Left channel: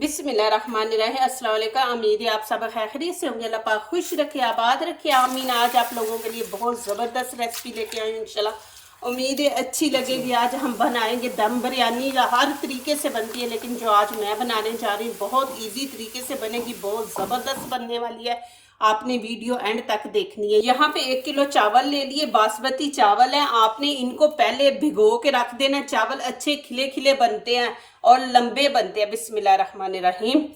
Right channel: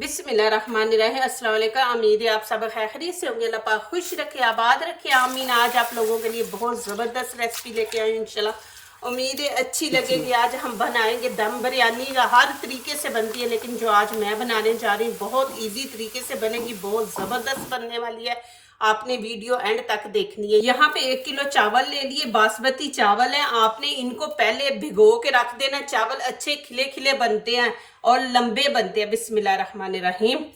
बिस्मिल्लाहिर्रहमानिर्रहीम। अस्सलाम वालेकुम। उम्मीद है आप सब खैरियत से होंगे। अल्लाह पाक खुश रखे, आबाद रखे। आमीन। आज आप लोगों के लिए बहुत ज़बरदस्त रेसिपी लेके आई हूँ इंशाल्लाह। उम्मीद है अच्छी लगेगी। आज हम बनाएंगे दम बिरयानी। हर तरीके से बनती है, लेकिन जो आज मैं बनाने जा रही हूँ बहुत इजी तरीके से बनेगी, बहुत ज़बरदस्त बनने वाली है। आपने वीडियो एंड तक देखनी है। यहाँ पे 1 किलो चावल ले लिए, बासमती चावल है। आपने इनको पहले भिगो के रख देना। चावल अच्छे खिले खिले बनते हैं और लंबे बनते हैं। बिस्मिल्लाहिर्रहमानिर्रहीम।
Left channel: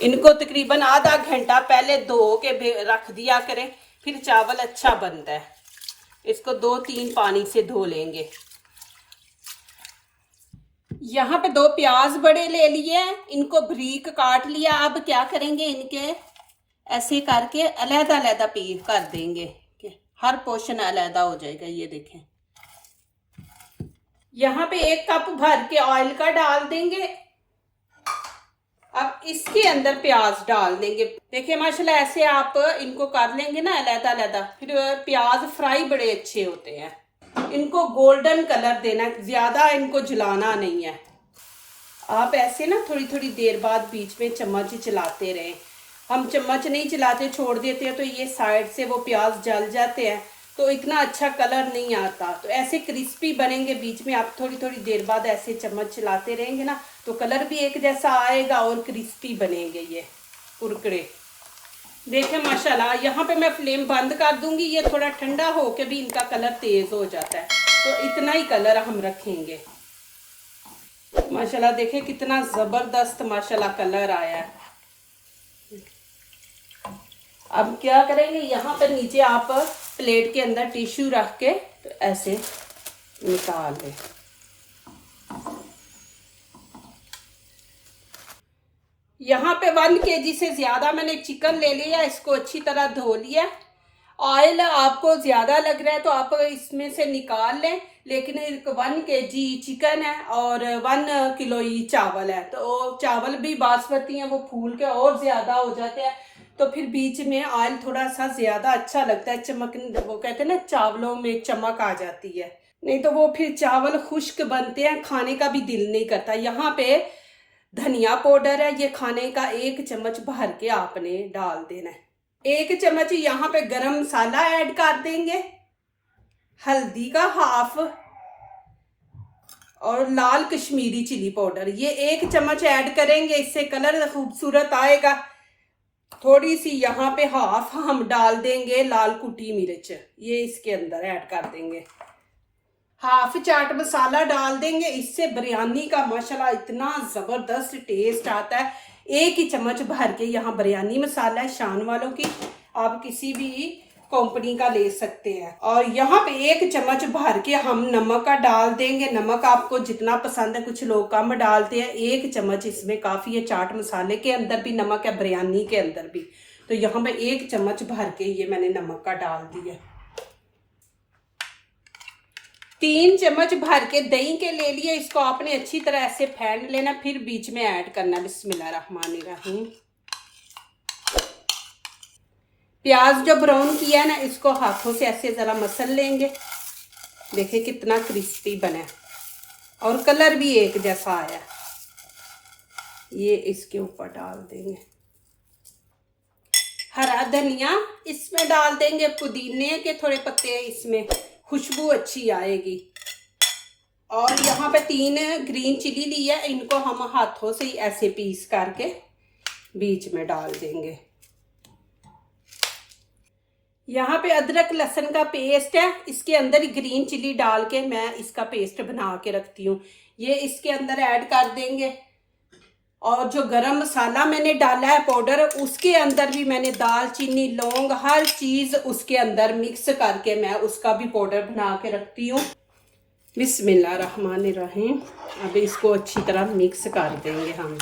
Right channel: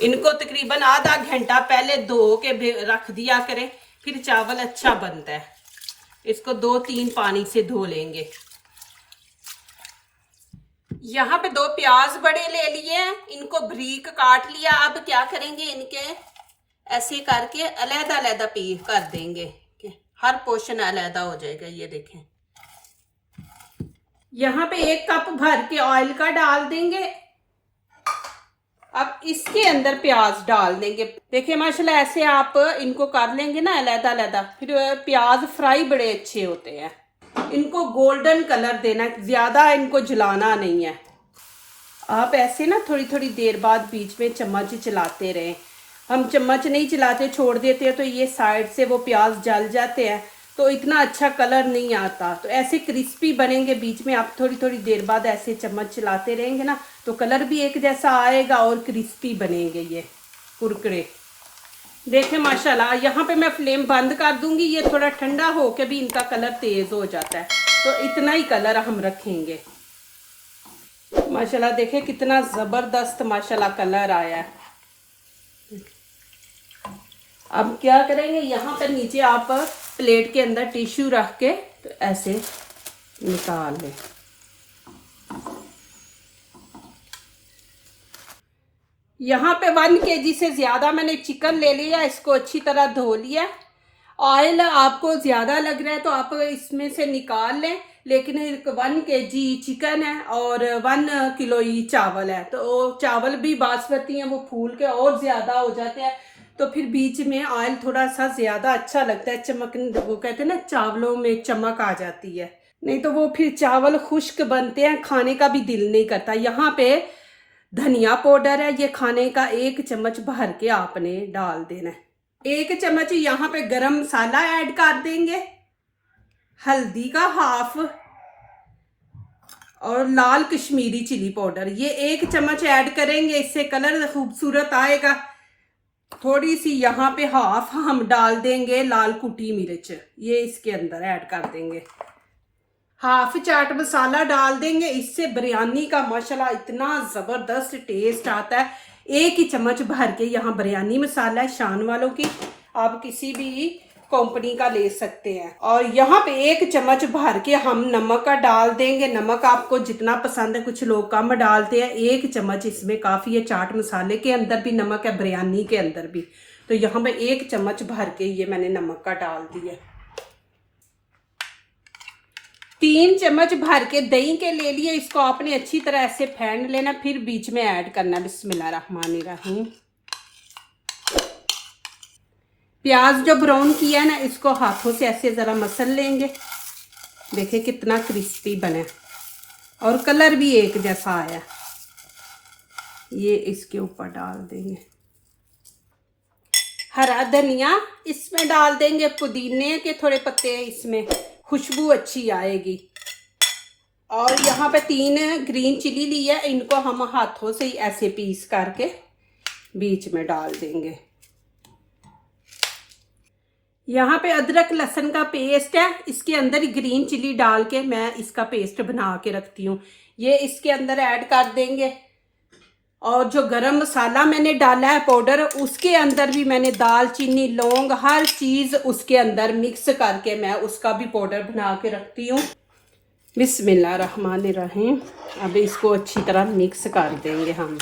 इनको तकरीबन आधा घंटा पहले धो के रख दिया करें, फिर चावल अच्छा बनता है। इसको 2-3 पानी से धो लेंगे। यहाँ पे 2 प्याज बड़े ले लिए हैं, इनको बारीक काट लिया। अब क्या करेंगे, इनके ऐसे करके अलग अलग पीस कर देंगे, हर पोर्शन अलग हो जाएगा। ये देखें, यहाँ पे 1 कप भर के ऑयल का डाल देंगे। अब इसके अंदर प्याज डाल देंगे। देखिए माशाल्लाह, ऐसे आप इनको कर लेंगे ना अलग अलग, फिर प्याज फ्राई बड़े अच्छे होते हैं। इनको गोल्डन कलर देना, ज्यादा इनको जलाना नहीं है। आप ऐसे ना थोड़ी थोड़ी देर बाद बीच में चम्मच चलाते रहें। हम चम्मच नहीं चलाते, छोड़ देते हैं तो ये साइड से वो प्याज जल जाते हैं, तो इतना अच्छा कलर नहीं आता। तो ऐसे क्रिस्पी बनेंगे। बीच में आप थोड़ी थोड़ी देर बाद ऐसे चम्मच चलाते रहेंगे ना, तो कलर भी एक जैसा आएगा और क्रिस्पी बनेंगे ये कुरकुरे। देखें माशाल्लाह, यहाँ पे मैं फ्लेम बंद कर दूंगी। ये थोड़ा ठंडा होके भी इनका कलर तेज हो जाता है, तो इतना ही कलर हम रखेंगे। माशाल्लाह देखें कितना जबरदस्त माशाल्लाह कलर आया है। अब क्या करेंगे, यहाँ पर नीचे आप प्लेट के अंदर टिश्यू रख के तो ऐसे निकाल लें। यहाँ पे 1 kg से ज्यादा मैंने चिकन ले लिया। इसको अच्छी तरह धो लिया। ऑयल आपको ज्यादा लग रहा है तो आप इसमें से निकाल लें, लेकिन 1 kg चिकन है और 1 किलो ही चावल है, तो चावल भी बासमती है, वो फूल के और ज्यादा हो जाते हैं। तो फिर बीच में ऑयल थोड़ा सा ज्यादा अच्छा लगता है, चमक, वो कहते हैं ना चावलों में चमक आ जाती है, नहीं तो वो फिर चावल खुश्क बनते हैं, खाने का भी दिल नहीं करता। यहाँ पे धनिया पाउडर है, ये खाने का 1 चम्मच भर के आपने डाल देना है। 1 चम्मच यहाँ पे गरम मसाला ऐड कर देंगे, हल्दी का हाफ और लाल कश्मीरी चिली पाउडर ये 1 चम्मच ऐड करेंगे, इससे कलर खूबसूरत आएगा। थोड़ी सी यहाँ पे हाफ हम डाल देंगे लाल कुटी मिर्च, ये इसके अंदर ऐड कर देंगे। हाफ चाट मसाला डाल देंगे, इससे बिरयानी का माशाल्लाह इतना जबरदस्त टेस्ट आता है। 1 ही चम्मच भर के यहाँ बिरयानी मसाला है, शान वालों की, आप किसी भी कंपनी का ले सकते हैं। और यहाँ पे 1 चम्मच भर के हम नमक का डाल देंगे। नमक आपको जितना पसंद है, कुछ लोग कम डालते हैं। 1 चम्मच इसमें काफी है। चाट मसाले के अंदर भी नमक है, बिरयानी के अंदर भी। तो यहाँ पे 1 चम्मच भर के ये मैंने नमक का डाल दिया। 3 चम्मच भर के दही के ले लिए, इसको आपने अच्छी तरह ऐसे फेंट लेना, फिर बीच में ऐड करना। बिस्मिल्लाहिर्रहमानिर्रहीम। प्याज जो ब्राउन किया है ना, इसको हाथों से ऐसे जरा मसल लेंगे। देखिए कितना क्रिस्पी बने और कलर भी एक जैसा आया। ये इसके ऊपर डाल देंगे। हरा धनिया इसमें डाल देंगे, पुदीने के थोड़े पत्ते, इसमें खुशबू अच्छी आएगी। और यहाँ पे 3 ग्रीन चिली ली है, इनको हम हाथों से ही ऐसे पीस करके बीच में डाल देंगे। यहाँ पे अदरक लहसुन का पेस्ट है, इसके अंदर ही ग्रीन चिली डाल के मैं इसका पेस्ट बना के रखती हूँ, ये इसके अंदर ऐड कर देंगे। और जो गरम मसाला मैंने डाला है पाउडर, उसके अंदर भी मैंने दालचीनी, लौंग, हर चीज उसके अंदर मिक्स करके मैं उसका भी पाउडर बना के रखती हूँ। बिस्मिल्लाहिर्रहमानिर्रहीम। अब इसको अच्छी तरह मिक्स कर देंगे हम।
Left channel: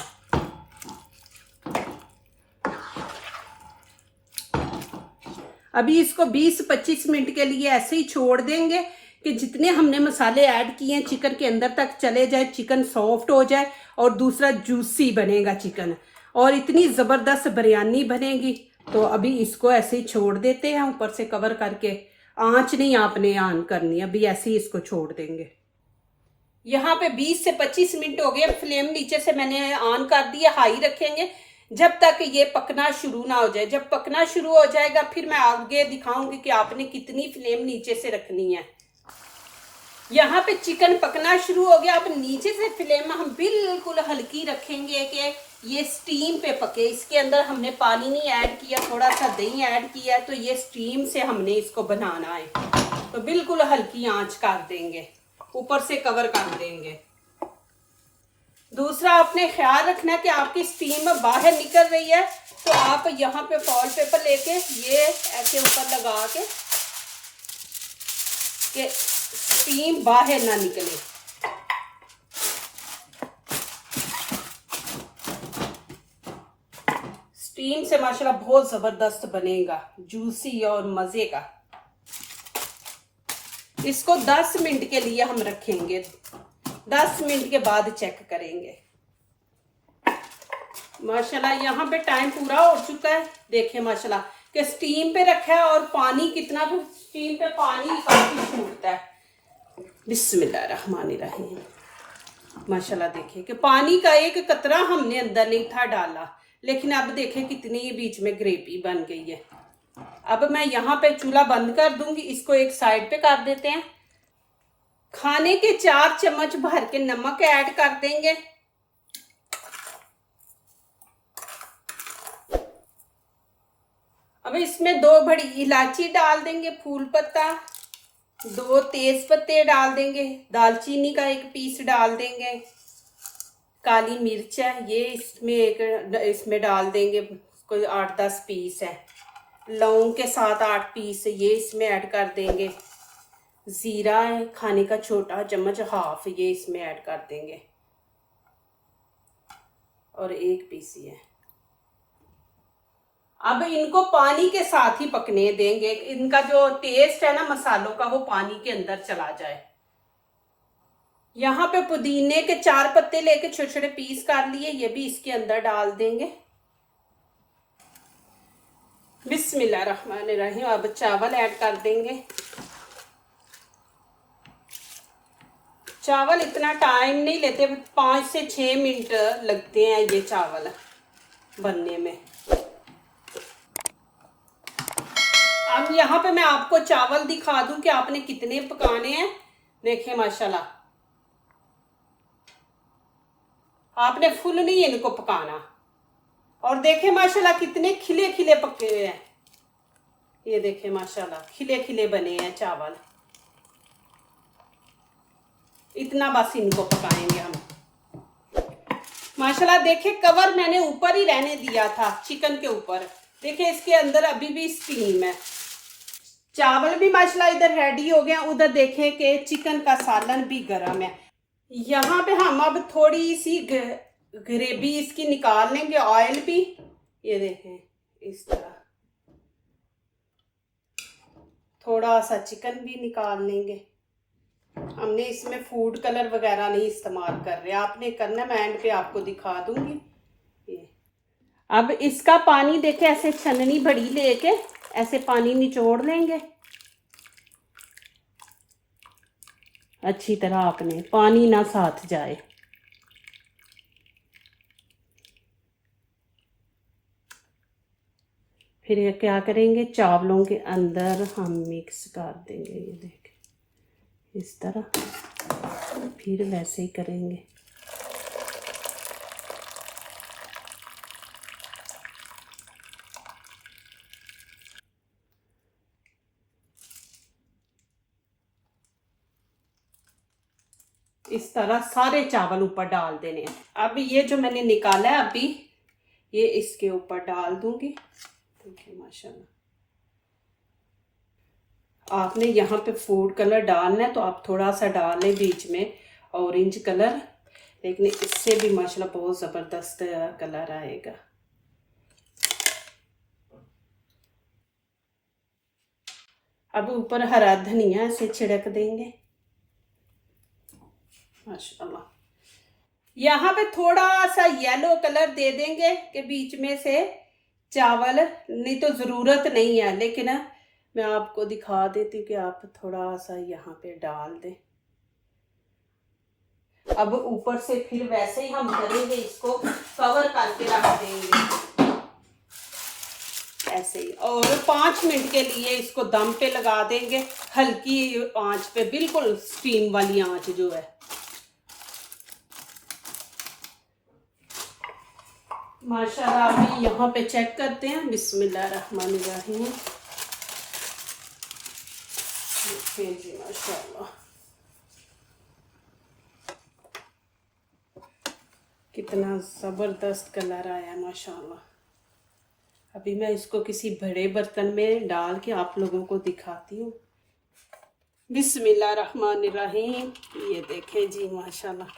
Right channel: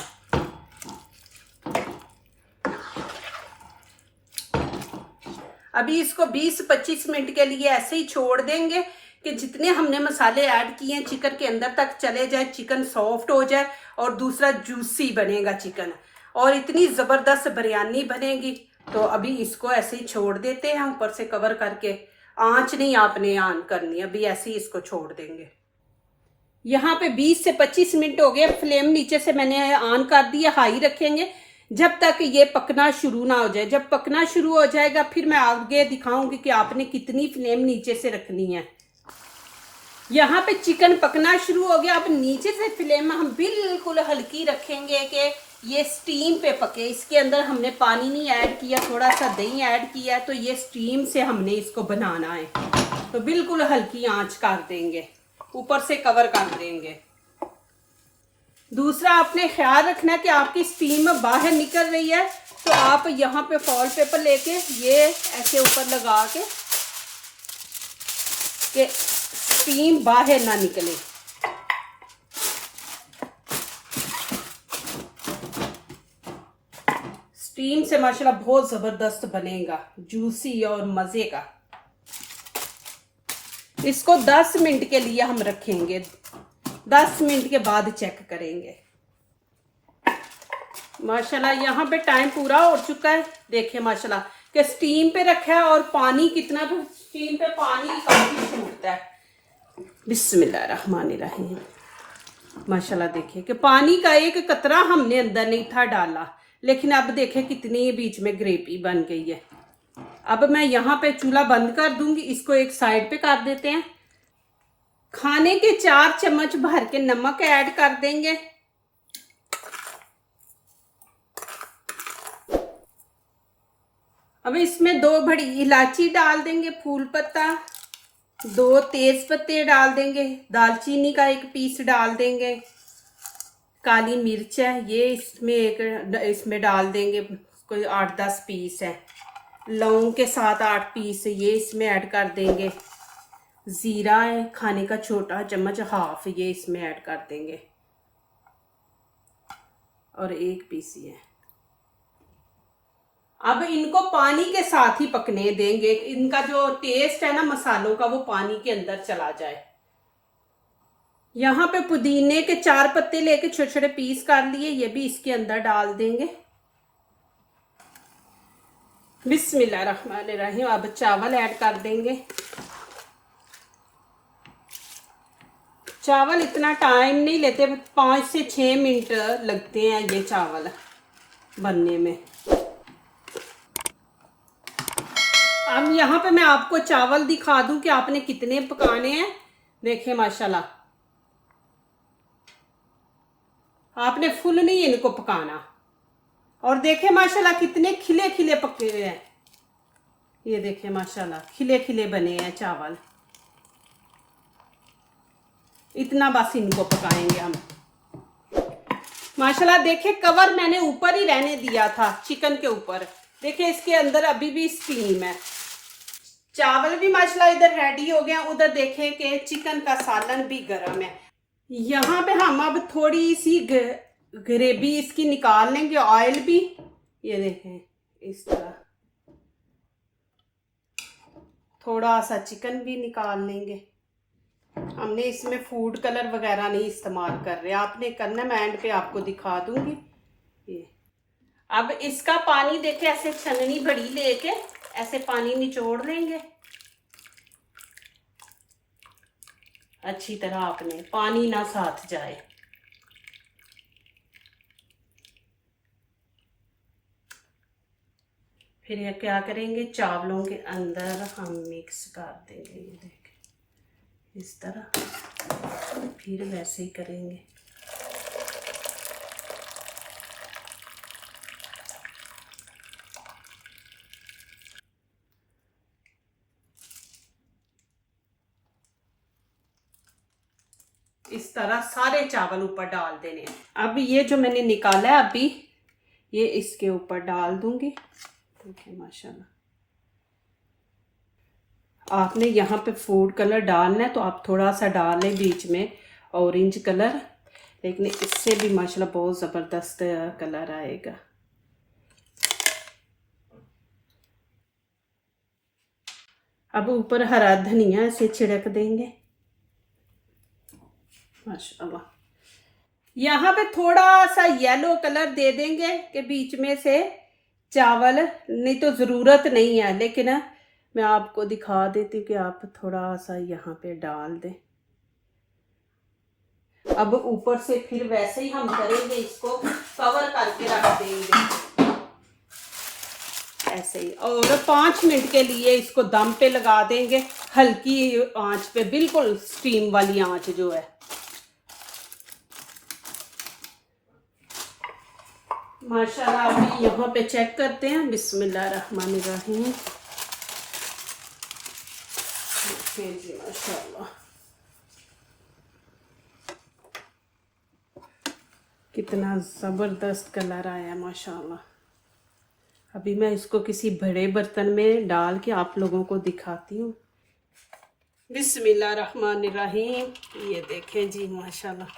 अभी इसको 20-25 मिनट के लिए ऐसे ही छोड़ देंगे कि जितने हमने मसाले ऐड किए हैं चिकन के अंदर तक चले जाए, चिकन सॉफ्ट हो जाए और दूसरा जूसी बनेगा चिकन, और इतनी ज़बरदस्त बिरयानी बनेगी। तो अभी इसको ऐसे ही छोड़ देते हैं, ऊपर से कवर करके। आंच नहीं आपने ऑन करनी, अभी ऐसे ही इसको छोड़ देंगे। यहाँ पे 20 से 25 मिनट हो गए। फ्लेम नीचे से मैंने ऑन कर दिया, हाई रखेंगे जब तक ये पकना शुरू ना हो जाए। जब पकना शुरू हो जाएगा फिर मैं आगे दिखाऊंगी कि आपने कितनी फ्लेम नीचे से रखनी है। यहाँ पे चिकन पकना शुरू हो गया। अब नीचे से फ्लेम हम बिल्कुल हल्की रखेंगे कि ये स्टीम पे पके। इसके अंदर हमने पानी नहीं ऐड किया, थोड़ा सा दही ऐड किया, तो ये स्टीम से हमने इसको बनाना है। तो बिल्कुल हल्की आंच कर देंगे, ऊपर से कवर कर देंगे। दूसरा आपने ख्याल रखना कि आपकी स्टीम बाहर निकल रही है तो आप यहाँ पे फॉइल पेपर लेके ये ऐसे ऊपर लगा के कि स्टीम बाहर ना निकले। स्टीम से माशाल्लाह बहुत जबरदस्त बनेगा, जूसी और मजे का। इसको 10 मिनट के लिए हम रखेंगे, 10 मिनट के बाद चेक करेंगे। माशाल्लाह यहाँ पे टाइम पूरा हो चुका है। देखिए माशाल्लाह कि स्टीम पे रखा है और पानी कितना भी, स्टीम पे पानी काफी छूटता है। बिस्मिल्लाहिर्रहमानिर्रहीम। माशाल्लाह देखिए कि पानी का एक कतरा हमने अंदर नहीं था डाला, लेकिन अब देखें कितनी बीच में ग्रेवी बन गई है। अब मैं यहाँ पे चूल्हा बंद कर दूंगी, इसको एक साइड पे कर देते हैं। खाने के 4 चम्मच भर के नमक ऐड कर देंगे। अब इसमें 2 बड़ी इलायची डाल देंगे, फूल पत्ता, 2 तेज पत्ते डाल देंगे, दालचीनी का 1 पीस डाल देंगे, काली मिर्च है ये इसमें डाल देंगे, कोई 8-10 पीस है। लौंग के 7-8 पीस ये इसमें ऐड कर देंगे। जीरा है खाने का छोटा चम्मच हाफ, ये इसमें ऐड कर देंगे और 1 पीस है। अब इनको पानी के साथ ही पकने देंगे, इनका जो टेस्ट है ना मसालों का वो पानी के अंदर चला जाए। यहाँ पे पुदीने के 4 पत्ते लेके छोटे छोटे पीस कर लिए, ये भी इसके अंदर डाल देंगे। बिस्मिल्लाहिर्रहमानिर्रहीम। अब चावल ऐड कर देंगे। चावल इतना टाइम नहीं लेते, 5 से 6 मिनट लगते हैं ये चावल बनने में। अब यहाँ पे मैं आपको चावल दिखा दूं कि आपने कितने पकाने हैं। देखिए माशाल्लाह आपने फुल नहीं इनको पकाना। और देखें माशाल्लाह कितने खिले खिले पके हुए हैं। ये देखें माशाल्लाह खिले खिले बने हैं चावल। इतना बस इनको पकाएंगे हम। माशाल्लाह देखिए कवर मैंने ऊपर ही रहने दिया था चिकन के ऊपर। देखिए इसके अंदर अभी भी स्टीम है। चावल भी माशाल्लाह इधर रेडी हो गए, उधर देखें कि चिकन का सालन भी गर्म है। यहाँ पे हम अब थोड़ी सी ग्रेवी इसकी निकाल लेंगे, ऑयल भी। ये देखें इस तरह थोड़ा सा चिकन भी निकाल लेंगे। हमने इसमें फूड कलर वगैरह नहीं इस्तेमाल कर रहे, आपने करना, मैं एंड पे आपको दिखा दूंगी। ये अब इसका पानी देखें, ऐसे छननी बड़ी लेके ऐसे पानी निचोड़ लेंगे अच्छी तरह। आपने पानी ना साथ जाए। फिर ये क्या करेंगे, चावलों के अंदर हम मिक्स कर देंगे। ये देखें इस तरह, फिर वैसे ही करेंगे। इस तरह सारे चावल ऊपर डाल देने हैं। अब ये जो मैंने निकाला है अभी, ये इसके ऊपर डाल दूंगी। देखिए माशाल्लाह आपने यहाँ पे फूड कलर डालना है तो आप थोड़ा सा डाल लें बीच में, ऑरेंज कलर, लेकिन इससे भी माशाल्लाह बहुत ज़बरदस्त कलर आएगा। अब ऊपर हरा धनिया ऐसे छिड़क देंगे माशाल्लाह। यहाँ पे थोड़ा सा येलो कलर दे देंगे कि बीच में से चावल, नहीं तो ज़रूरत नहीं है, लेकिन मैं आपको दिखा देती हूँ कि आप थोड़ा सा यहाँ पे डाल दें। अब ऊपर से फिर वैसे ही हम करेंगे, इसको कवर करके रख देंगे ऐसे ही, और 5 मिनट के लिए इसको दम पे लगा देंगे, हल्की आंच पे, बिल्कुल स्टीम वाली आंच जो है। माशाल्लाह अभी यहाँ पे चेक करते हैं, बिस्मिल्लाहिर्रहमानिर्रहीम। जी माशाल्लाह कितना ज़बरदस्त कलर आया माशाल्लाह। अभी मैं इसको किसी बड़े बर्तन में डाल के आप लोगों को दिखाती हूँ। बिस्मिल्लाहिर्रहमानिर्रहीम। ये देखें जी माशाल्लाह,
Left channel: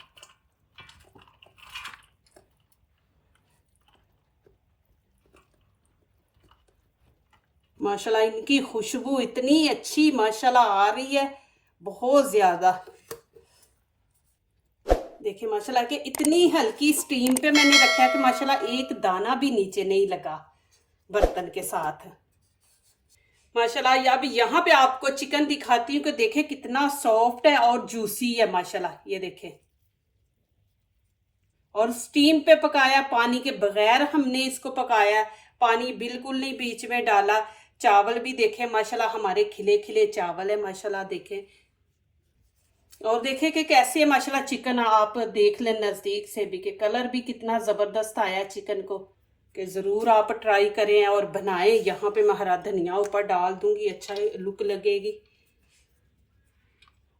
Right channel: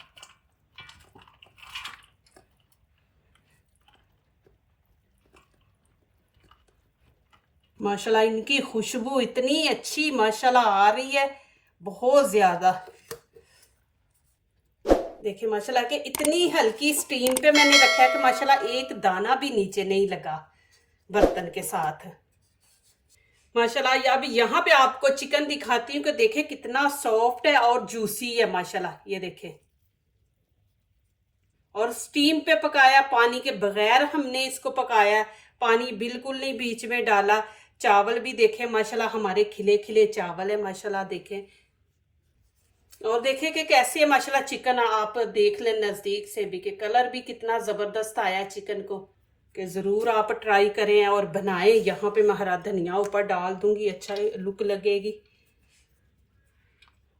माशाल्लाह इनकी खुशबू इतनी अच्छी माशाल्लाह आ रही है, बहुत ज़्यादा। देखिए माशाल्लाह कि इतनी हल्की स्टीम पे मैंने रखा है कि माशाल्लाह एक दाना भी नीचे नहीं लगा बर्तन के साथ माशाल्लाह। अब यहाँ पे आपको चिकन दिखाती हूँ कि देखें कितना सॉफ्ट है और जूसी है माशाल्लाह। ये देखें, और स्टीम पे पकाया, पानी के बगैर हमने इसको पकाया, पानी बिल्कुल नहीं बीच में डाला। चावल भी देखें माशाल्लाह हमारे खिले खिले चावल है माशाल्लाह देखें, और देखें कि कैसे माशाल्लाह चिकन आप देख लें नज़दीक से भी कि कलर भी कितना ज़बरदस्त आया चिकन को, कि ज़रूर आप ट्राई करें और बनाएं। यहाँ पे मैं हरा धनिया ऊपर डाल दूंगी, अच्छा लुक लगेगी,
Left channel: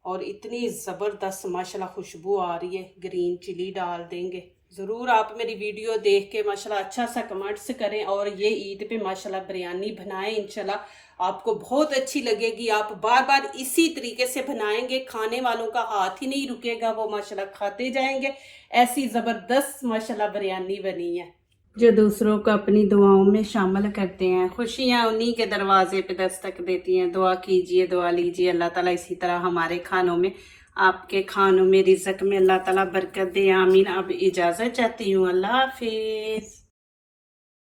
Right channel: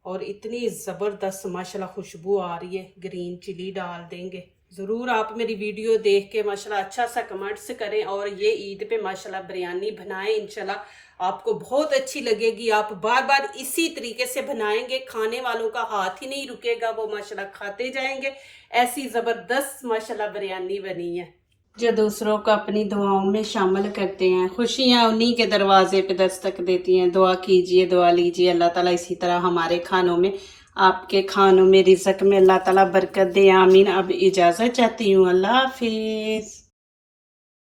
और इतनी ज़बरदस्त माशाल्लाह खुशबू आ रही है। ग्रीन चिली डाल देंगे। ज़रूर आप मेरी वीडियो देख के माशाल्लाह अच्छा सा कमेंट्स करें, और ये ईद पे माशाल्लाह बिरयानी बनाएं, इंशाल्लाह आपको बहुत अच्छी लगेगी। आप बार बार इसी तरीके से बनाएंगे, खाने वालों का हाथ ही नहीं रुकेगा, वो माशाल्लाह खाते जाएंगे। ऐसी ज़बरदस्त माशाल्लाह बिरयानी बनी है। जो दूसरों को अपनी दुआओं में शामिल करते हैं, खुशियाँ उन्हीं के दरवाजे पे दस्तक देती हैं। दुआ कीजिए, दुआ लीजिए, अल्लाह ताला इसी तरह हमारे खानों में, आपके खानों में, रिज़्क़ में अल्लाह ताला बरकत दे। आमीन। अब इजाज़त चाहती हूँ, अल्लाह हाफिज़।